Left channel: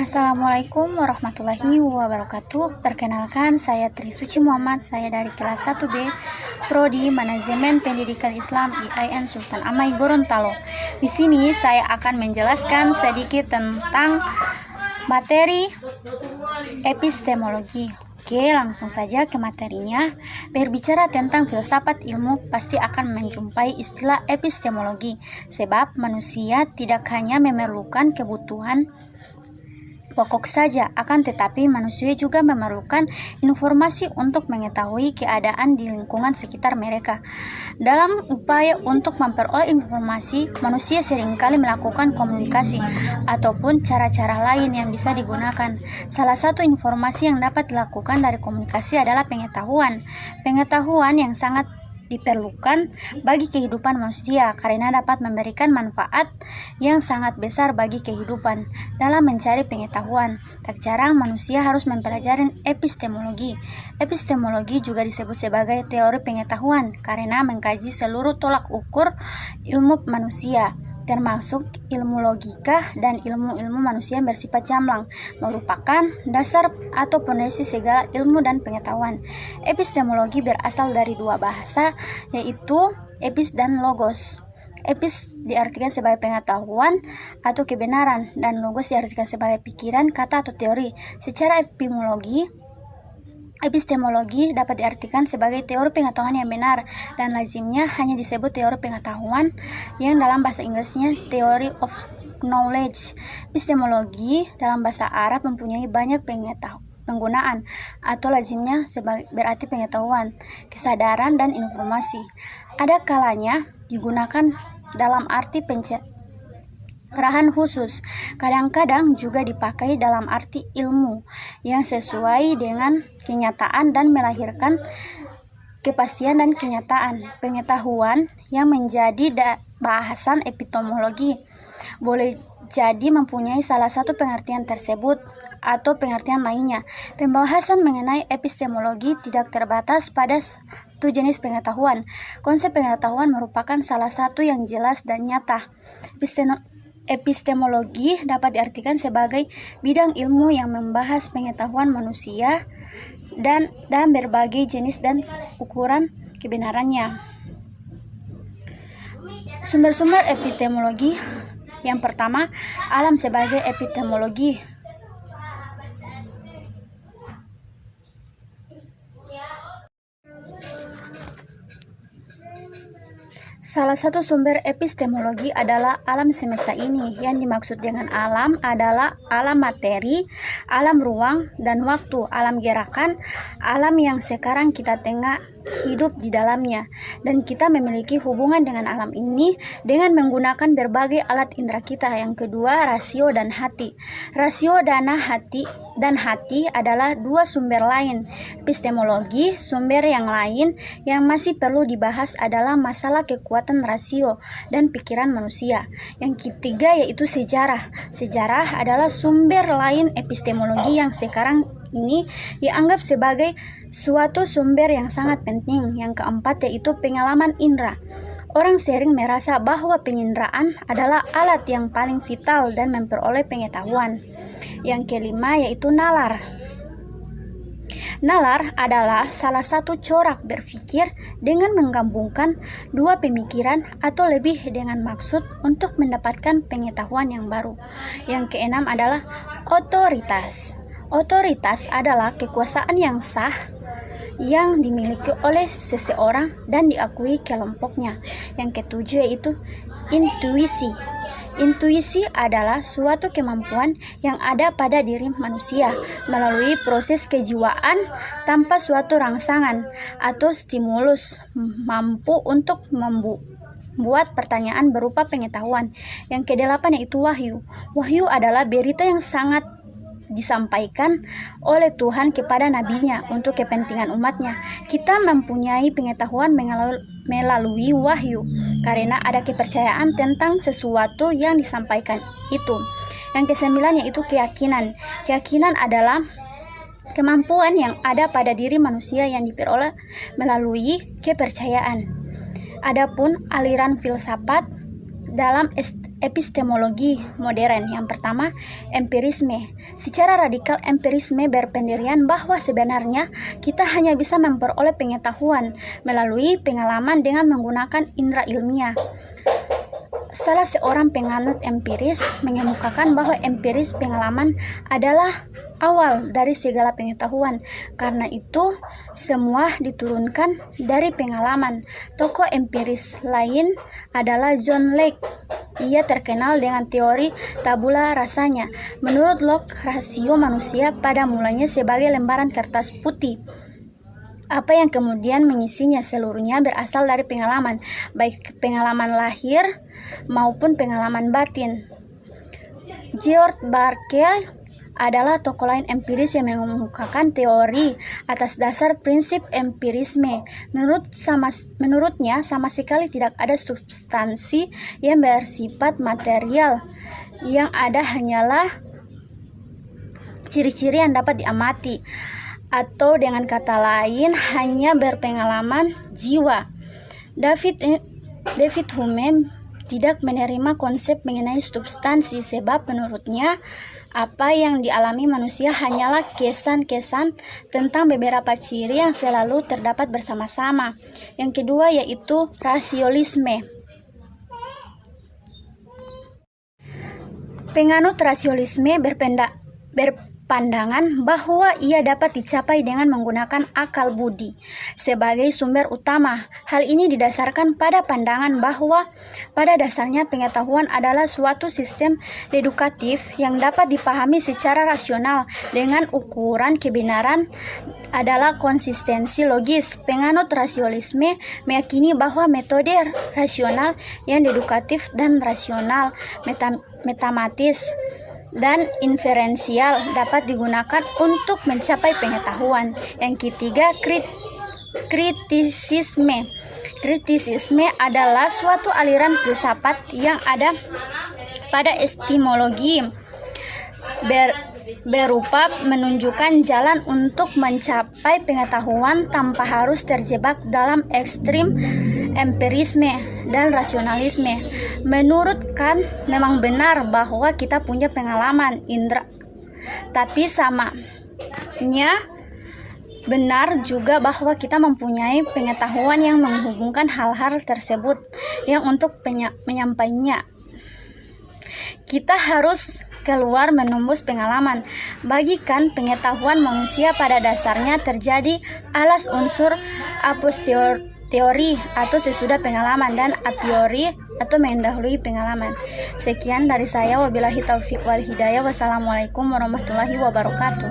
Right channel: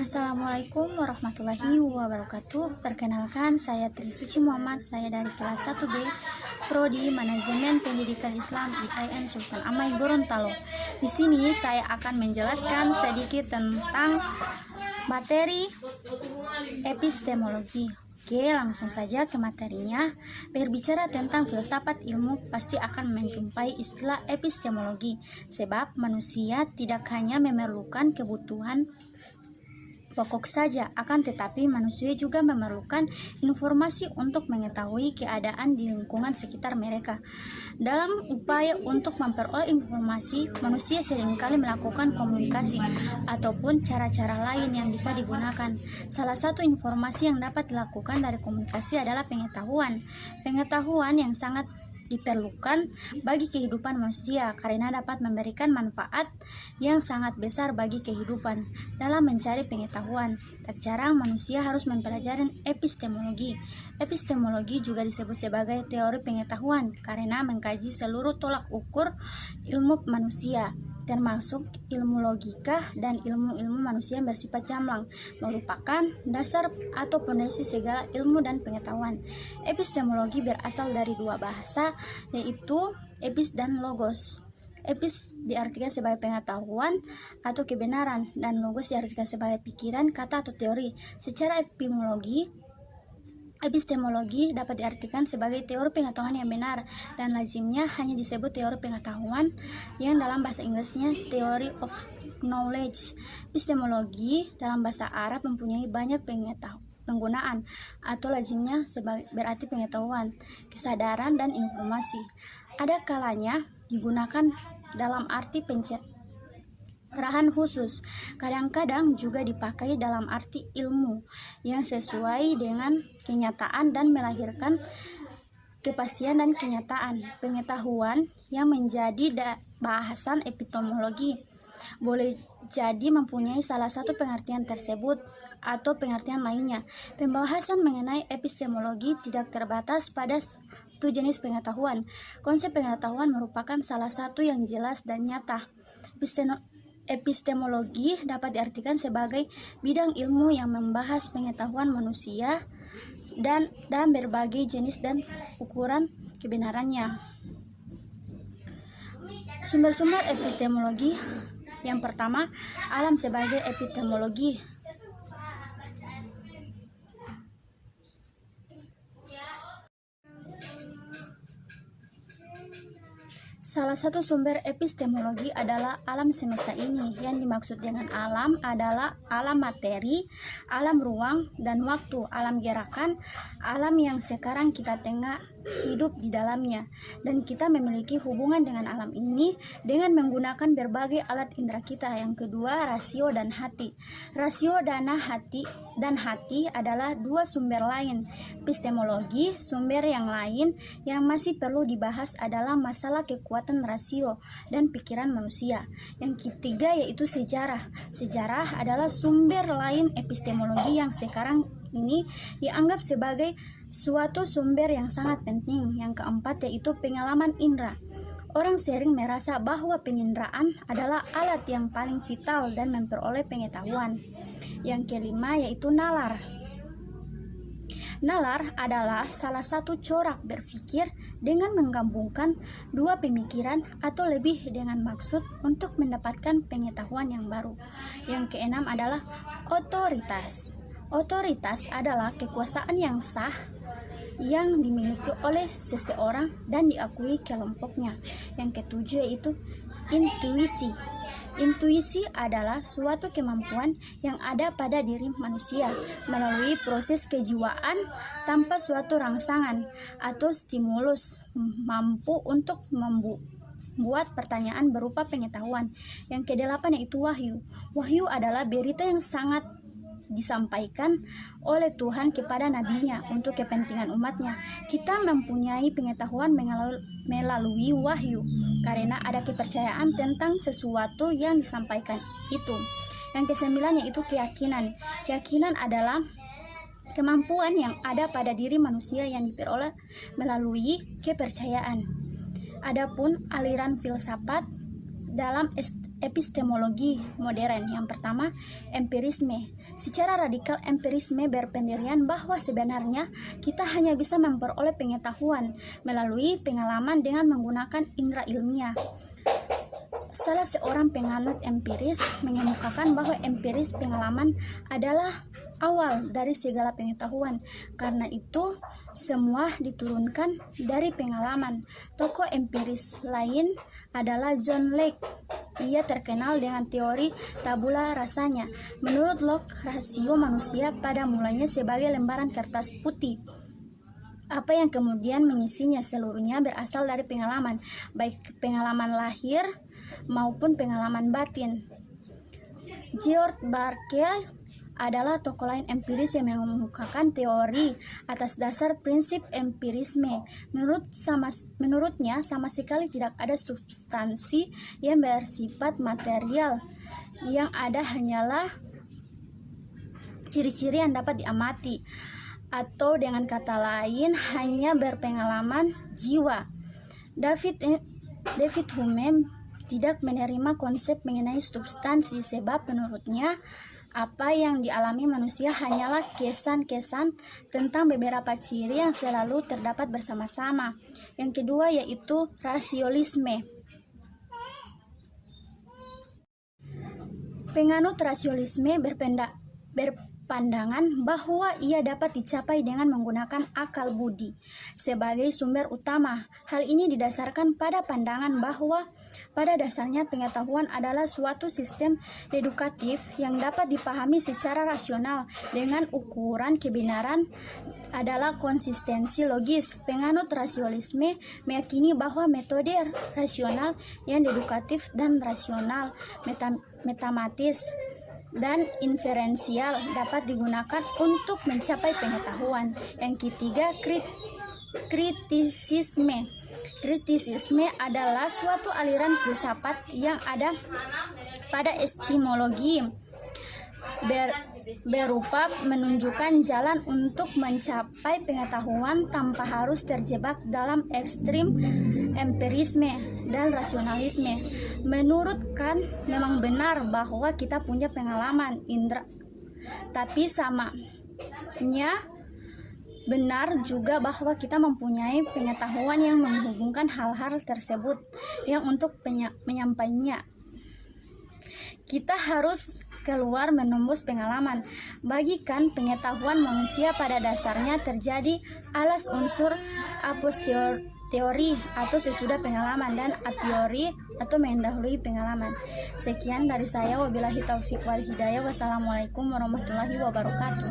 Assalamualaikum warahmatullahi wabarakatuh. Perkenalkan, saya Tri Suci Muhammad. Saya dari kelas 1B Prodi Manajemen Pendidikan Islam IAIN Sultan Amai Gorontalo. Di sini saya akan menjelaskan sedikit tentang materi epistemologi. Oke, langsung saja ke materinya. Berbicara tentang filsafat ilmu, pasti akan menjumpai istilah epistemologi, sebab manusia tidak hanya memerlukan kebutuhan pokok saja, akan tetapi manusia juga memerlukan informasi untuk mengetahui keadaan di lingkungan sekitar mereka. Dalam upaya untuk memperoleh informasi, manusia seringkali melakukan komunikasi ataupun cara-cara lain yang bisa digunakan. Salah satu informasi yang dapat dilakukan dari komunikasi adalah pengetahuan. Pengetahuan yang sangat diperlukan bagi kehidupan manusia karena dapat memberikan manfaat yang sangat besar bagi kehidupan. Dalam mencari pengetahuan, tak jarang manusia harus mempelajari epistemologi. Epistemologi juga disebut sebagai teori pengetahuan karena mengkaji seluruh tolak ukur ilmu manusia, termasuk ilmu logika dan ilmu-ilmu manusia yang bersifat jamblang, merupakan dasar atau pondasi segala ilmu dan pengetahuan. Epistemologi berasal dari dua bahasa, yaitu epis dan logos. Epis diartikan sebagai pengetahuan atau kebenaran, dan logos diartikan sebagai pikiran, kata, atau teori. Secara epistemologi dapat diartikan sebagai teori pengetahuan yang benar, dan lazimnya hanya disebut teori pengetahuan, yang dalam bahasa Inggrisnya theory of knowledge. Epistemologi dalam bahasa Arab mempunyai banyak penggunaan, atau lazimnya berarti pengetahuan, kesadaran, dan informasi. Ada kalanya digunakan dalam arti pencerahan khusus. Kadang-kadang juga dipakai dalam arti ilmu yang sesuai dengan kenyataan dan melahirkan kepastian dan kenyataan. Pengetahuan yang menjadi bahasan epistemologi boleh jadi mempunyai salah satu pengertian tersebut atau pengertian lainnya. Pembahasan mengenai epistemologi tidak terbatas pada satu jenis pengetahuan. Konsep pengetahuan merupakan salah satu yang jelas dan nyata. Epistemologi dapat diartikan sebagai bidang ilmu yang membahas pengetahuan manusia dan berbagai jenis dan ukuran kebenarannya. Sumber-sumber epistemologi. Yang pertama, alam sebagai epistemologi. Salah satu sumber epistemologi adalah alam semesta ini. Yang dimaksud dengan alam adalah alam materi, alam ruang dan waktu, alam gerakan, alam yang sekarang kita tengah hidup di dalamnya, dan kita memiliki hubungan dengan alam ini dengan menggunakan berbagai alat indera kita. Yang kedua, rasio dan hati. Rasio dan hati adalah dua sumber lain epistemologi. Sumber yang lain yang masih perlu dibahas adalah masalah kekuatan rasio dan pikiran manusia. Yang ketiga yaitu sejarah. Sejarah adalah sumber lain epistemologi yang sekarang ini dianggap sebagai suatu sumber yang sangat penting. Yang keempat yaitu pengalaman indera. Orang sering merasa bahwa penginderaan adalah alat yang paling vital dan memperoleh pengetahuan. Yang kelima yaitu nalar. Nalar adalah salah satu corak berpikir dengan menggabungkan dua pemikiran atau lebih dengan maksud untuk mendapatkan pengetahuan yang baru. Yang keenam adalah otoritas. Otoritas adalah kekuasaan yang sah yang dimiliki oleh seseorang dan diakui kelompoknya. Yang ketujuh yaitu intuisi. Intuisi adalah suatu kemampuan yang ada pada diri manusia melalui proses kejiwaan tanpa suatu rangsangan atau stimulus, mampu untuk membuat pertanyaan berupa pengetahuan. Yang kedelapan yaitu wahyu. Wahyu adalah berita yang sangat disampaikan oleh Tuhan kepada nabinya untuk kepentingan umatnya. Kita mempunyai pengetahuan melalui wahyu karena ada kepercayaan tentang sesuatu yang disampaikan itu. Yang kesembilan yaitu keyakinan. Keyakinan adalah kemampuan yang ada pada diri manusia yang diperoleh melalui kepercayaan. Adapun aliran filsafat dalam epistemologi modern. Yang pertama, empirisme. Secara radikal, empirisme berpendirian bahwa sebenarnya kita hanya bisa memperoleh pengetahuan melalui pengalaman dengan menggunakan indera ilmiah. Salah seorang penganut empiris mengemukakan bahwa empiris pengalaman adalah awal dari segala pengetahuan. Karena itu, semua diturunkan dari pengalaman. Tokoh empiris lain adalah John Locke. Ia terkenal dengan teori tabula rasanya. Menurut Locke, rasio manusia pada mulanya sebagai lembaran kertas putih. Apa yang kemudian mengisinya seluruhnya berasal dari pengalaman, baik pengalaman lahir maupun pengalaman batin. George Berkeley adalah tokoh lain empiris yang mengemukakan teori atas dasar prinsip empirisme. Menurutnya sama sekali tidak ada substansi yang bersifat material. Yang ada hanyalah ciri-ciri yang dapat diamati, atau dengan kata lain hanya berpengalaman jiwa. David Hume tidak menerima konsep mengenai substansi sebab menurutnya apa yang dialami manusia hanyalah kesan-kesan tentang beberapa ciri yang selalu terdapat bersama-sama. Yang kedua yaitu rasionalisme. Penganut rasionalisme berpandangan bahwa ia dapat dicapai dengan menggunakan akal budi sebagai sumber utama. Hal ini didasarkan pada pandangan bahwa pada dasarnya pengetahuan adalah suatu sistem dedukatif yang dapat dipahami secara rasional dengan ukuran kebenaran adalah konsistensi logis. Penganut rasionalisme meyakini bahwa metode rasional yang dedukatif dan rasional matematis dan inferensial dapat digunakan untuk mencapai pengetahuan. Yang ketiga, kritisisme. Kritisisme adalah suatu aliran filsafat yang ada pada epistemologi berupa menunjukkan jalan untuk mencapai pengetahuan tanpa harus terjebak dalam ekstrim empirisme dan rasionalisme. Menurut Kant, memang benar bahwa kita punya pengalaman indera, tapi samanya benar juga bahwa kita mempunyai pengetahuan yang menghubungkan hal-hal tersebut yang untuk menyampaikannya kita harus keluar menembus pengalaman. Bagi Kant, pengetahuan manusia pada dasarnya terjadi atas unsur a posteriori atau sesudah pengalaman dan a priori atau mendahului pengalaman. Sekian dari saya, wabillahi taufik wal hidayah. Wassalamualaikum warahmatullahi wabarakatuh.